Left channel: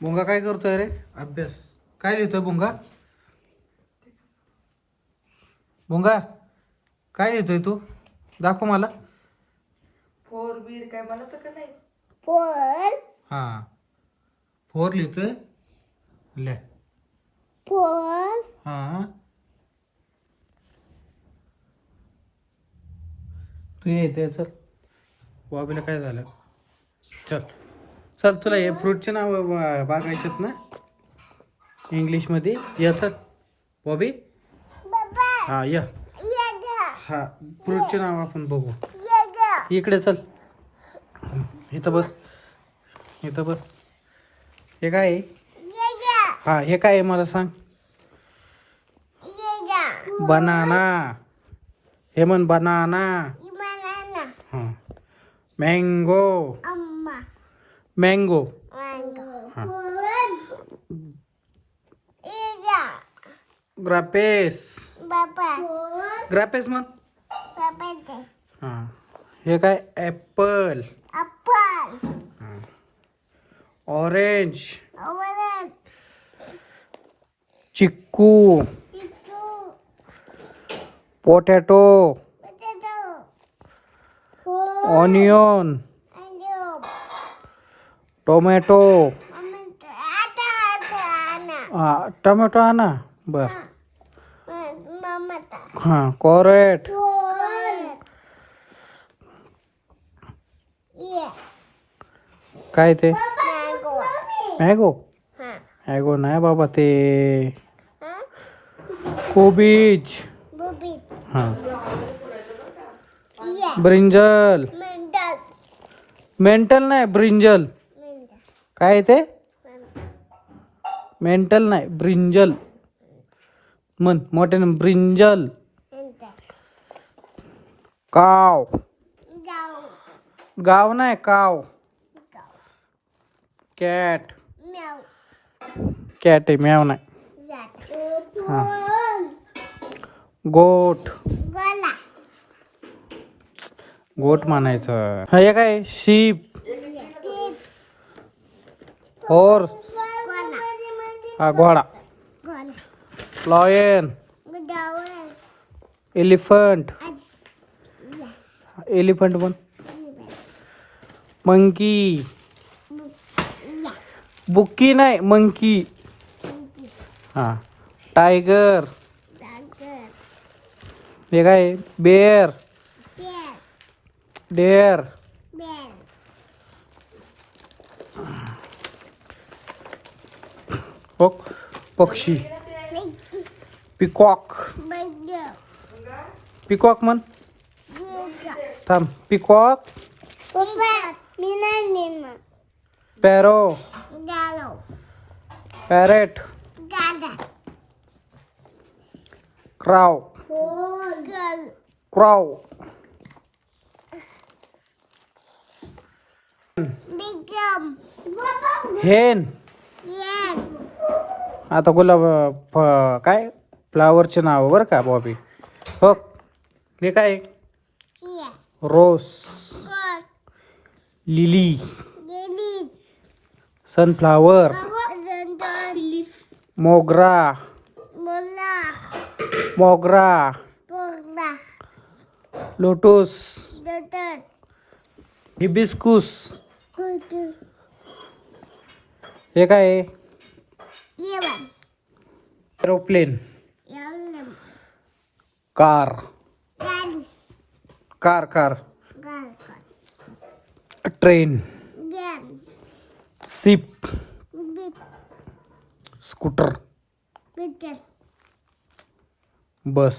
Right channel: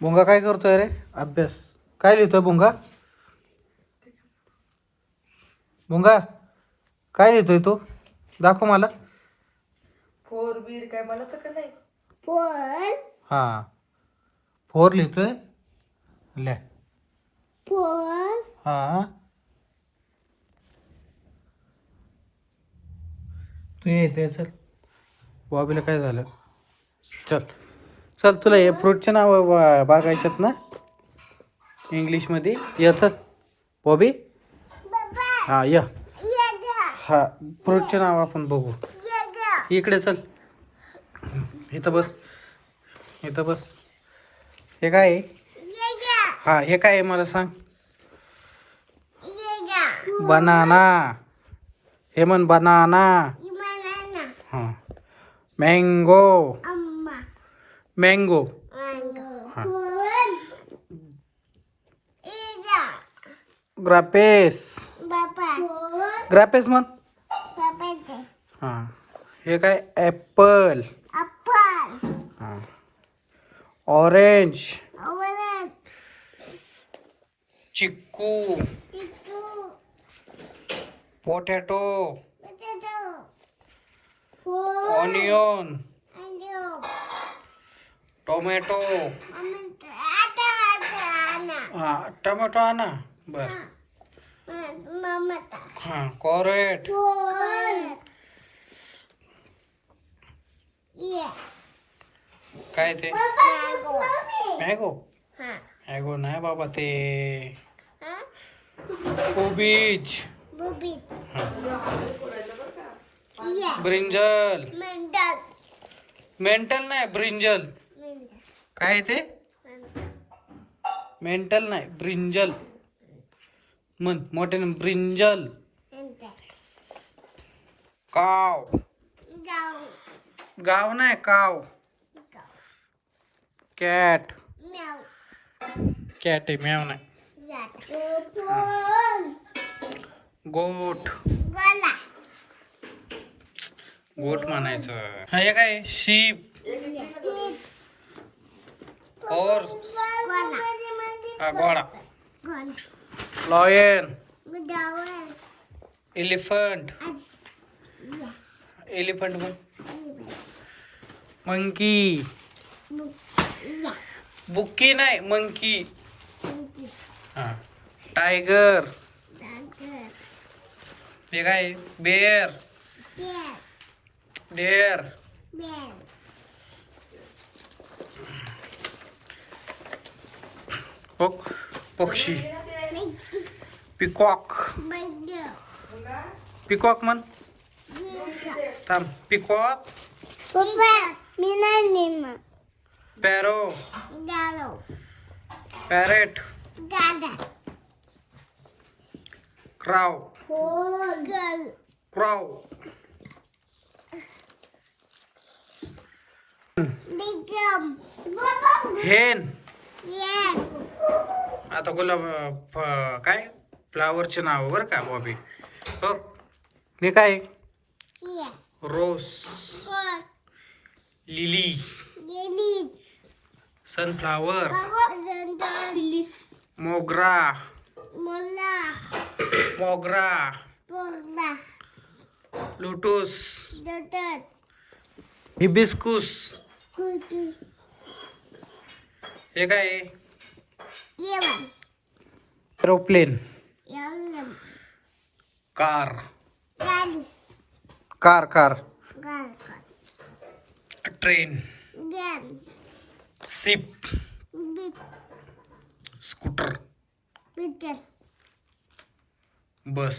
भुंगा काय करतोय रे? अभ्यास. काय लिहितोय भुंगा? भुंगा काय लिहितोय तू? दाखव मला. फोर बीर काय म्हणायचं का नाही? फोर हा, फोर लिहितोय. ले. फोर हा, तू येते. चल, बॉबीला काय झालं? चल चल, तुला हे फ्रूटचे नाव बघायच्यात ना इंग्लिशमध्ये? या चल बॉबी. हा या. हा, फ्रूटचे नाव आपण बघू. इकडे चल. इथं बस, इथं बस. हे काय आहे? हा, हे काय आहे मला सांग. बनाना. हे म्हण बनाना. हा, मँगो. मँगो. हा, ग्रापेस. ग्रापेस म्हण. हा, हे काय? ॲपल. हा, ऑरेंज. चिक्कू. पोटॅटो. ऑनियन. टोमॅटो. हा, टोमॅटो आणा. बर. हा, कॅरेट. काय ते? मॅंगो. मॅंगो नाही बाबा, ते कोबीज. हा, ब्रिंजल. मेंटल नाही, ब्रिंजल. काय ते? मेंटल नाही, ब्रिंजल म्हण मोठ्यानं. ब्रिंजल. काव. गाव नाही, काव. कॅट. कॅट आहे, मॅव नाही. गोट. गोट म्हणायचं. हे काय? शीप. हॉर्स. हा, घोडा. लॉयन. एलिफंट. एलिफंट म्हण. मंकी. बुक्की नाही, मंकी. हा, टायगर. हे काय? बेर. डेअर. पक्षी. पिकॉक. पिकॉक म्हण. थांब. पिकॉक. पॅरो. पॅरेट. क्राव. क्राव. हेन. आता गुलाब काय फ्लावरचे नाव बरं का बॉबी. हो, हे काय? रोज. लिली. सनफ्लावर. मोगरा. मोगरा. लोटस. हिबिस्कुस. हे काय आहे? Aeroplane. Car. Car. Car. Train. Ship. Scooter. बस.